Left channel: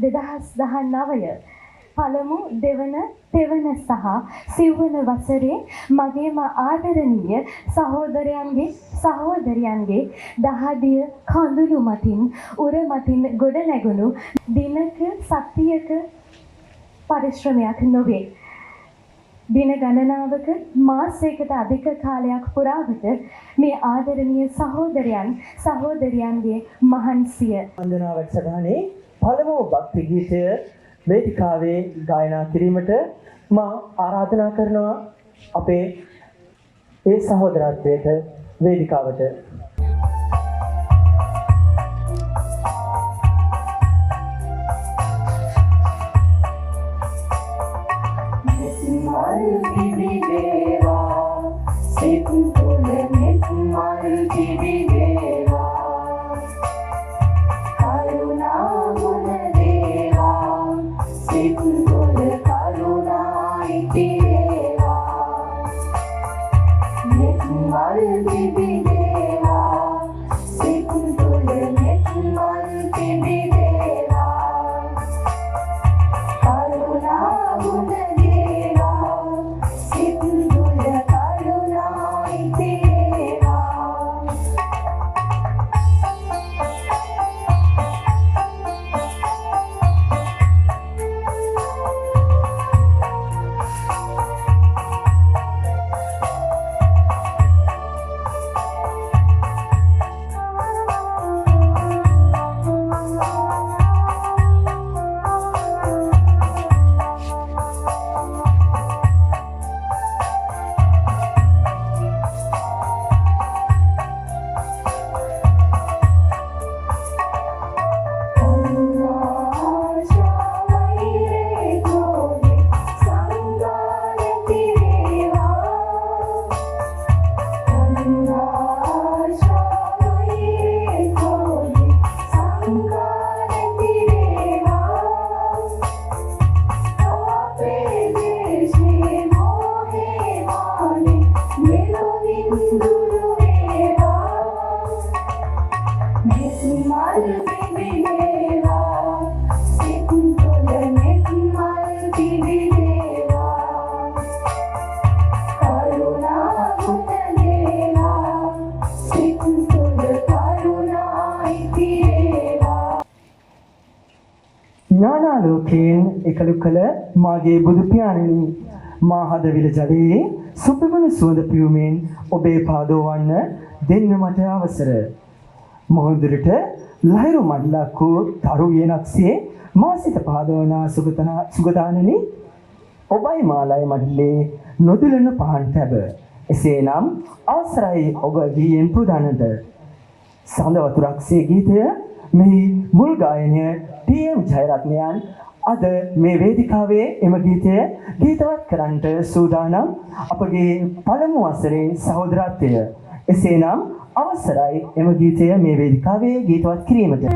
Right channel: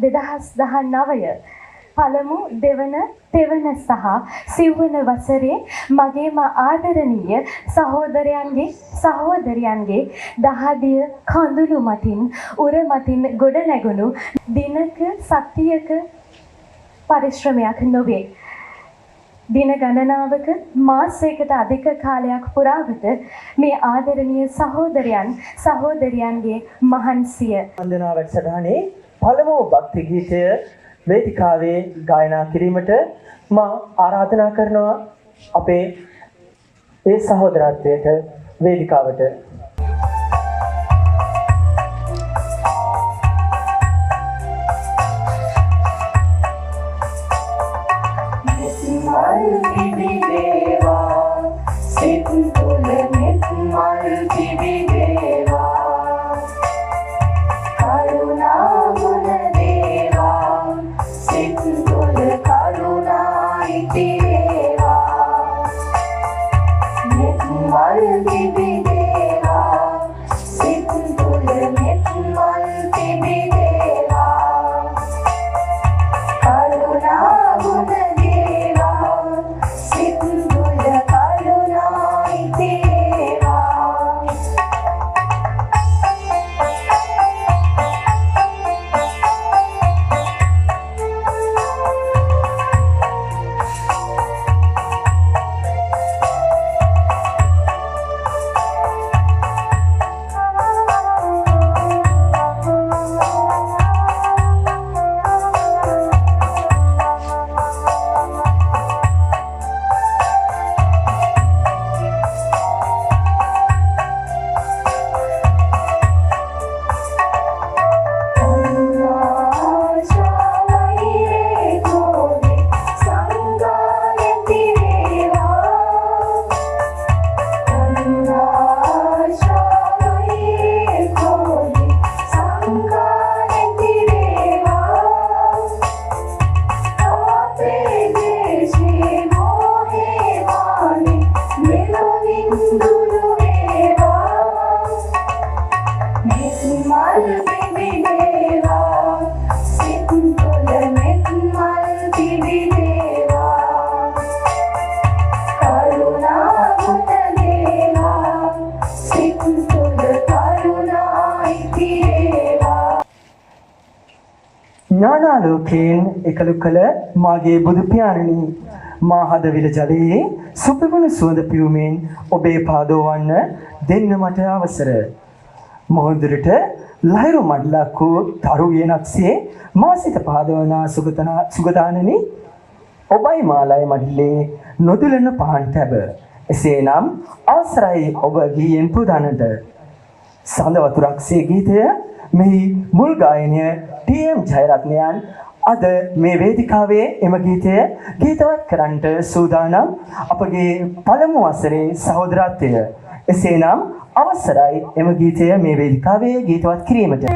2019 පළමු දෙවන තෙවන සහ සිව්වන වසරේ මගේම ආදරණීය සහෝදරයන්ගේ දහදිය කඳුළු මතින් උර මතින් ගොඩ නැගුණු දිනක සතියක පරිශ්‍රමයක් නොවේ. දින ගණනාවක මාසයකට අධික කාලයක් පුරාවට මේ ආදරණීය සහෝදරයන්ගේ මහන්සිය වන්දනා වැඩසටහනේ පළමු භක්ති ගීතය වේදිකාවේ ගායනා කිරීමට මා ආරාධනා කරනවා අපේ ඒ සහෝදරත්වයට වේදිකාවට. ඥානාලෝකයෙන් එකලු කළ මාගේ බුදු පියාණනි මා හදවිල ජලයේ සුපිමුණු සුවඳ පියුමෙන් ඔබේ පාදෝවන්න දෙන්න මට අවසර. මොහොඳුරට ලහිරු මඩලක් වූ තරු යනක්සේ මා සිත පාදවනා සුගතානනි ඔබයි මාලයි මඩලේ නොදුලන පහන් තැබ. එසේනම් අවසරයි ඔබ ගීයෙන් පුදන්නට. සඳ වතුරක්සේ ගීතය මෙහි මුල් ගායනය ටීඑම් ජයරත්නයන් අද මේ වේදිකාවේ එම ගීතය ගීතවත් කරන්නට සූදානම් අපගේ පළමු වසරේ සහෝදරත්වය. එසේනම් අවසරයි එම ගීතය මේ වේදිකාවේ ගීතවත් කිරීමට.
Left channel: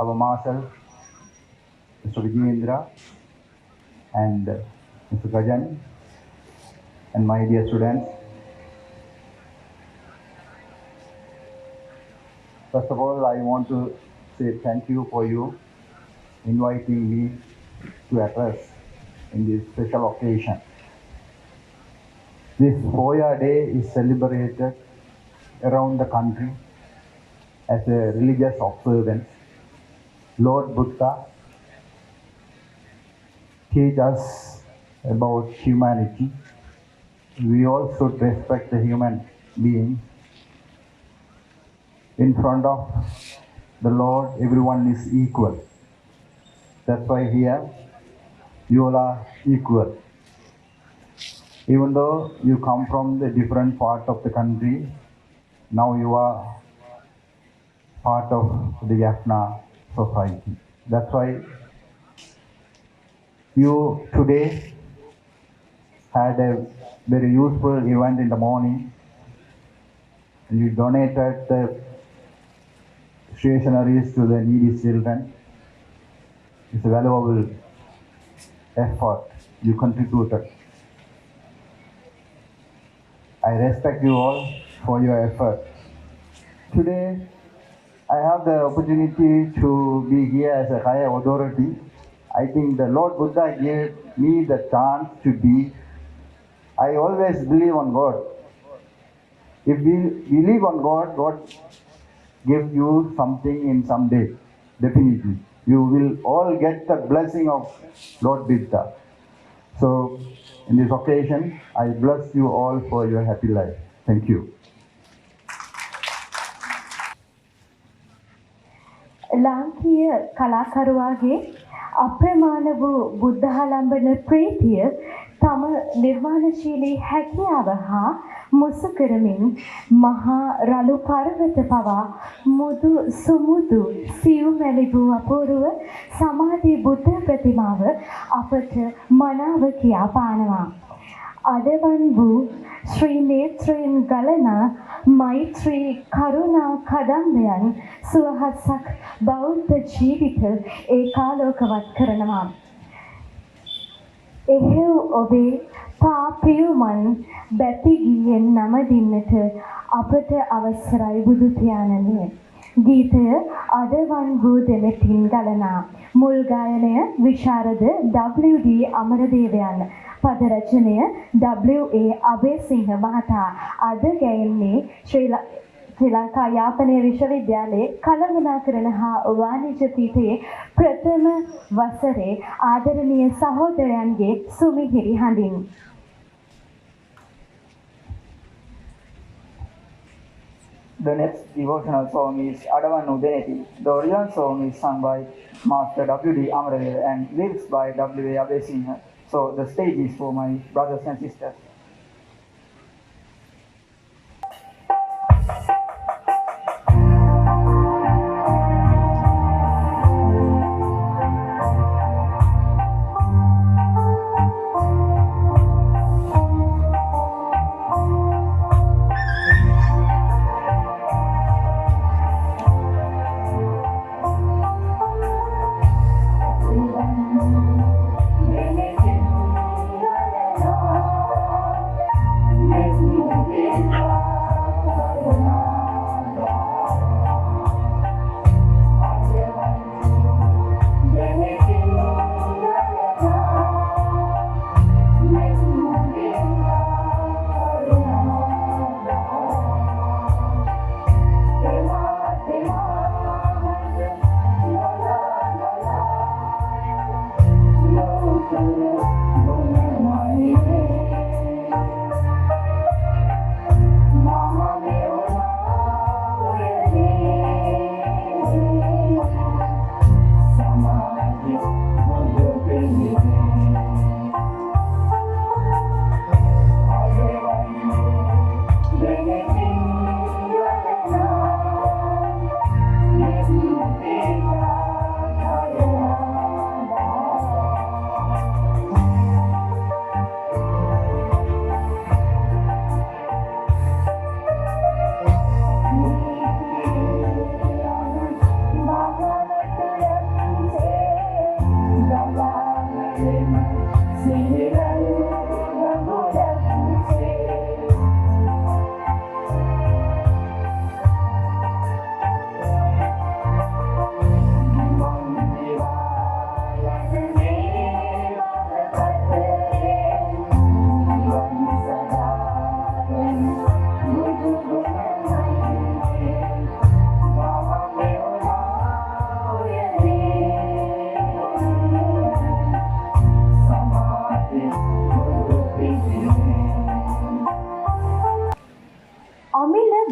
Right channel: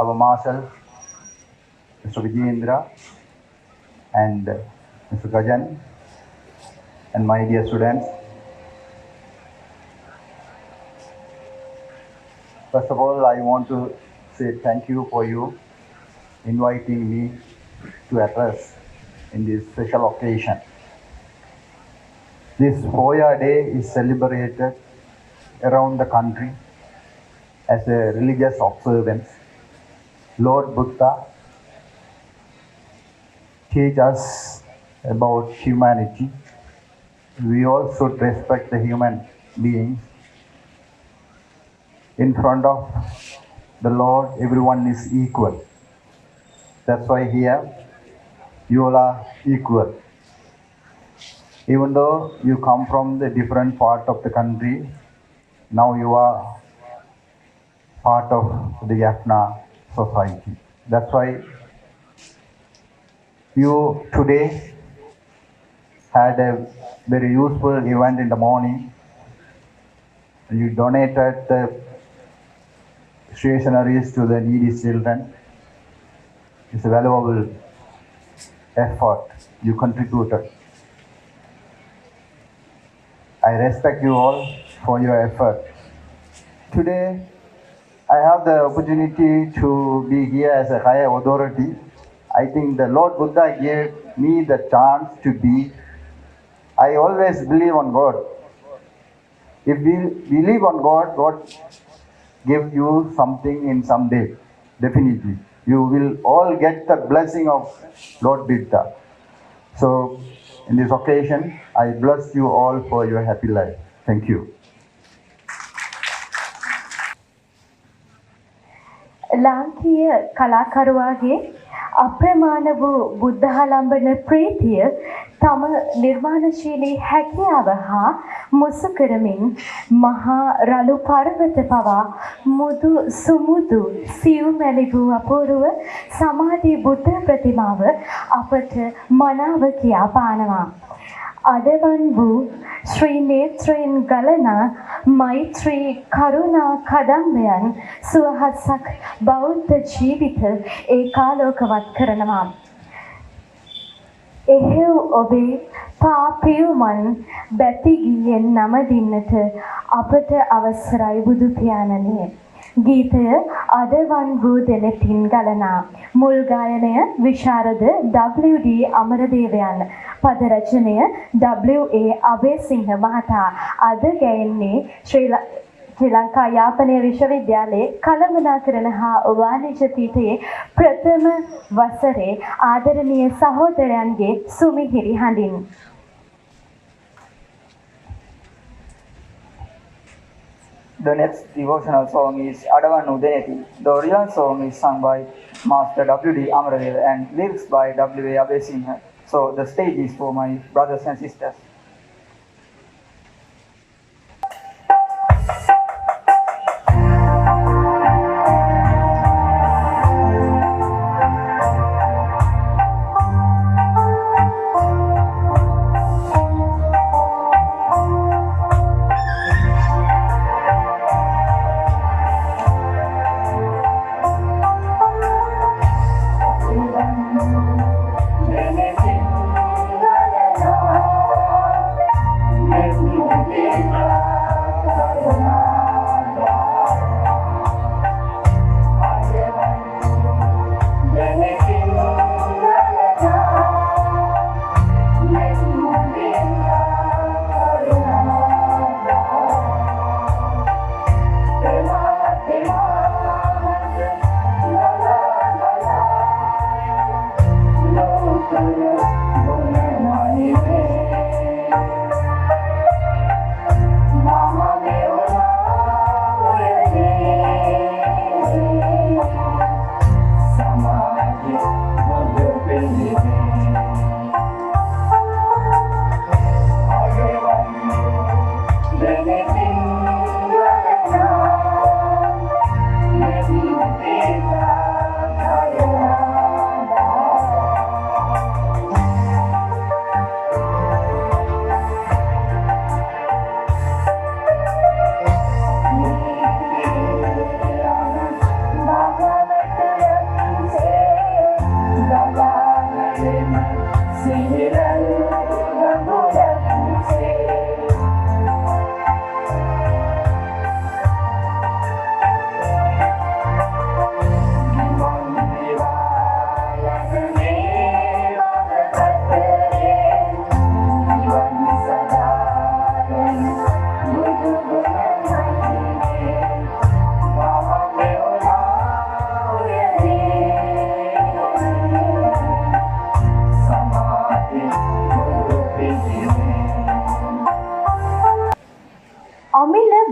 Our Marshal, Mr. Vijayendra, and Mr. Gajan, and my dear students. First of all, I want to say thank you for you inviting me to address in this special occasion. This Hoya Day is celebrated around the country as a religious observance. Lord Buddha teach us about humanity. We all should respect the human beings. In front of the Lord, everyone is equal. That's why here you all are equal. Even though you come from the different part of the country, now you are part of the Jaffna society. That's why you today had a very useful event in the morning. You donated the stationaries to the needy children. It's a valuable effort you contributed. I respect you all for your effort. Today, I have the opportunity to be here as a higher authority. I think the Lord Buddha gave me the chance to be. I always believe on God. If we believe on God, God give you something in some day. Definitely. You will all get the blessing of Lord Buddha. So, in this occasion, I bless you all for your happy life. Thank you. ලාංකීය කලාකරුවාගේ අප්‍රමාණ වූ බුද්ධාලම්බන ප්‍රීතිය තම නිර්මාණශීලී හැකියාව හා මුසු කරමින් මහා රළු පර්වත පවා මුදු සුමුදු සියුමැලි වූ අපූර්ව සමාධි බුද්ධ ප්‍රතිමාව අපට මනාව කියා පානවා. අදවන් වූ ශ්‍රී නේත්‍රයෙන් ගලනා මෛත්‍රී කරුණා කදම්බයන් සුවහසක් බෞද්ධ ජීවිත ඒකාලෝකවත් කරනවා. එහෙව් ඔබේ පාපියුමන් බැතිගියෙන් නමදින්නට අපට අවසරයි බුදු පියාණනි. ගීතය අදවන් වූ දෙලෙතින් ගලනා. මුල් ගායනය විශාරද WD අමරදේවයන්. පද රචනය W.A. අබේසිංහ මහතා. අද ගැයෙන්නේ ශ්‍රී ලංකා යාපනය විශ්වවිද්‍යාලයේ කළමනාකරණ හා වාණිජ්‍ය පීඨයේ ප්‍රථම වසරේ ආදරණීය සහෝදරයන්ගේ සුමිහිරි හඬින්. The next devotional song is Adavanu Deneti. The original song is sung by Master W.D. Amaradeva and lyrics by W.A. Abesingha. So the stage is for my brothers and sisters.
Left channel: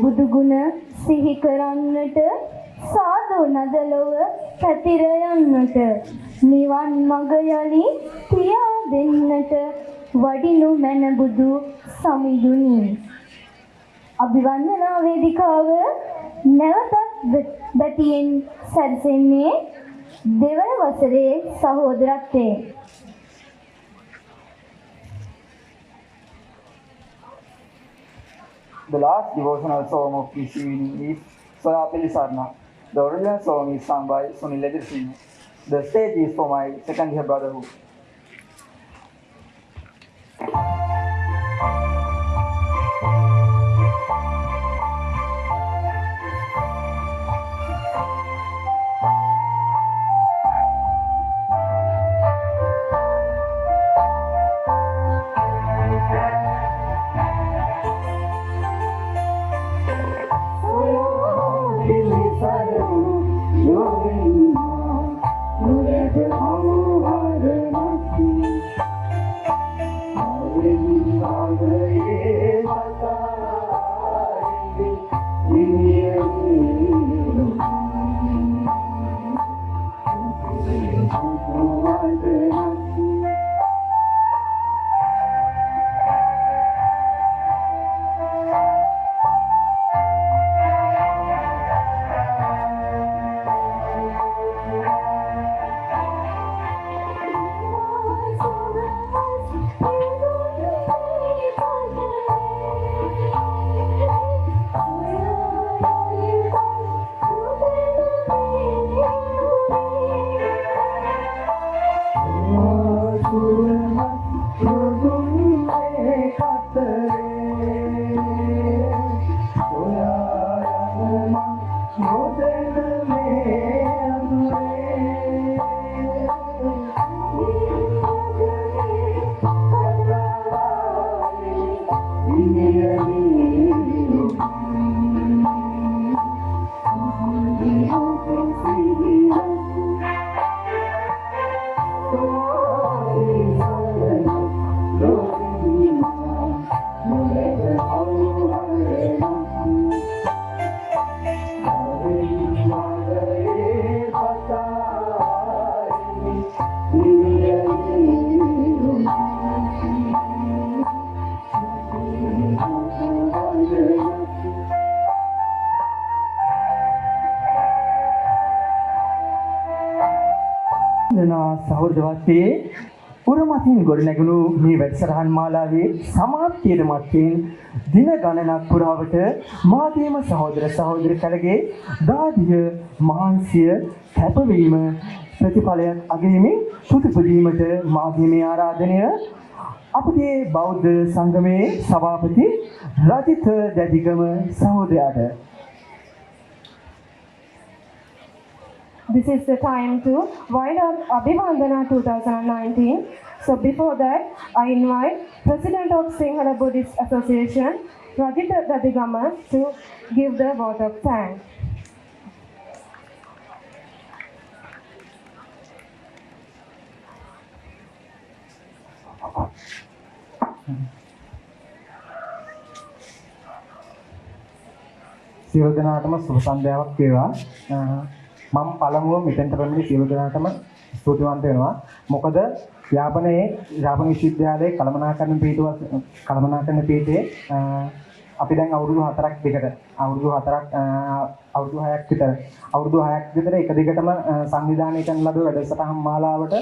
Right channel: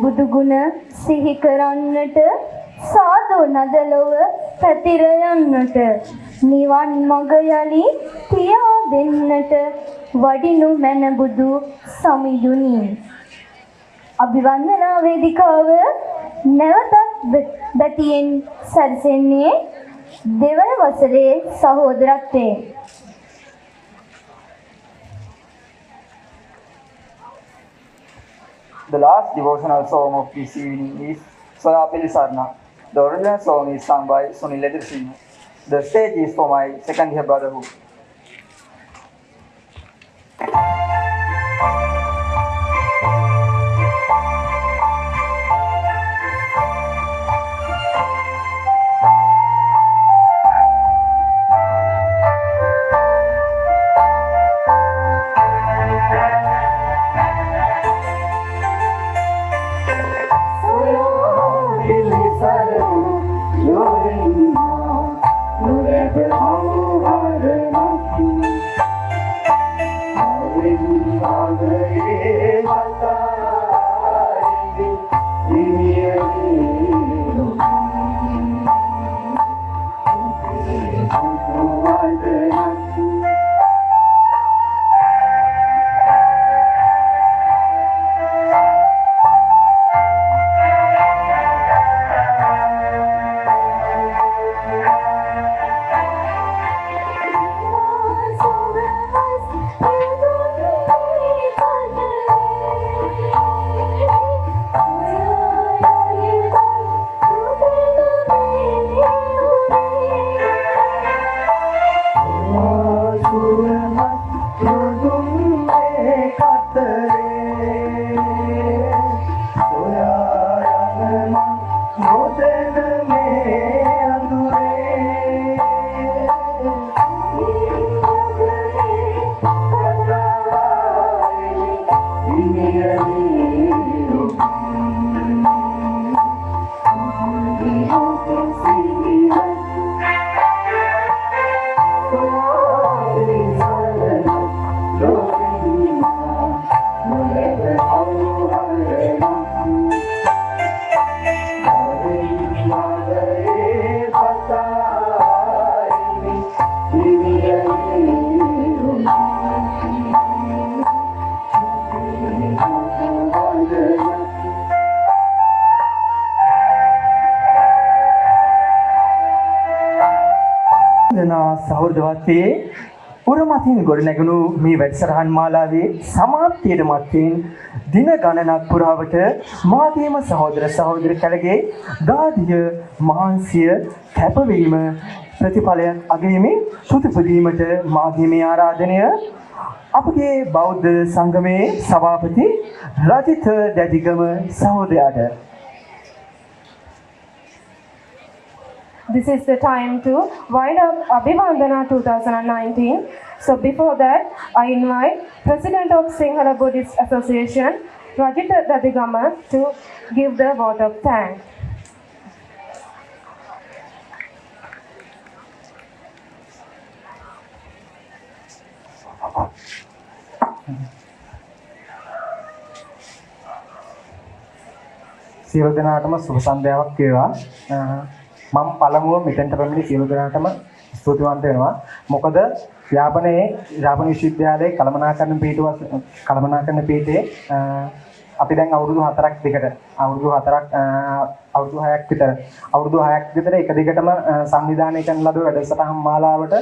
බුදු ගුණ සිහි කරන්නට සාදු නදලොව පැතිර යන්නට නිවන් මඟ යලි පියා දෙන්නට වඩිනු මැන බුදු සමිඳුනි. අභිවන්දනා වේදිකාව නැවතත් බැතියෙන් සැරසෙන්නේ දෙවන වසරේ සහෝදරත්වයෙන්. The last devotional song of this evening is Soya Pilisarna. The original song is sung by Sunil Edirasinghe. The stage is for my second year brotherhood. සහෝදරවත්ේ උරමතින් ගොඩනැගුණු මේ වැඩසටහන් මාලාවේ සමාප්තියට මත්තෙන් දින ගණනක් පුරාවට මාගේම සහෝදර සහෝදරි කලගේ දාදිය මහන්සිය කැපවීම ප්‍රතිඵලයක් අගයමින් සුදුපදීමට මාගේ මේ ආරාධනය අපගේ බෞද්ධ සංගමේ සභාපති Rajitha Dedigama සහෝදරයාට. This is the time to wind up Abhivandana 2019. So before that, I invite President of Sinhala Buddhist Association, Rajita Dadigama, to give the vote of thanks. සියලු දෙනාටම සුබ සන්ධ්‍යාවක් වේවා. මම පළමුව මෙතෙන්ට පැමිණි සියලු දෙනාටම ස්තුතිවන්ත වෙනවා. මොකද යාපනයේ විශ්වවිද්‍යාලයේ කළමනාකරණ පීඨයේ අපි දැන් අවුරුදු 4ක් දිගට අවුරුදු 6ක් විතර එක දිගටම සංවිධානය කරන ලද වැඩසටහන් මාලාවට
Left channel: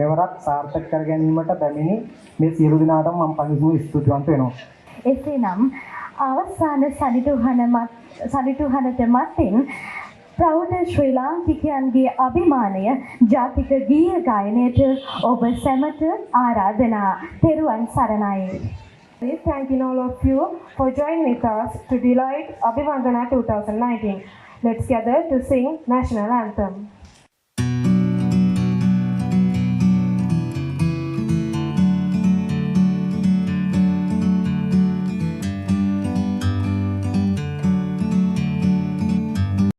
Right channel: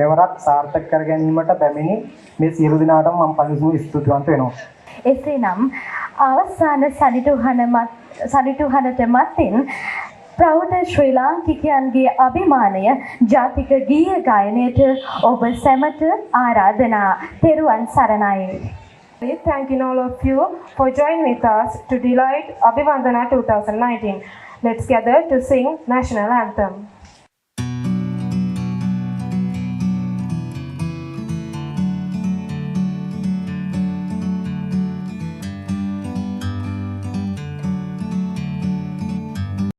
මෙවරක් සාර්ථක කර ගැනීමට පැමිණි මේ සියලු දෙනාටම මම පළමුව ස්තුතිවන්ත වෙනවා. එසේනම් අවසාන සනිටුහනට මතින් ප්‍රෞಢ ශ්‍රී ලාංකිකයන්ගේ අභිමානය ජාතික ගීය ගායනයට ඔබ සැමට ආරාධනා. තෙරුවන් සරණයි. Thanking all of you for joining with us to delight Abhivandana 2019. Let's gather to sing National Anthem.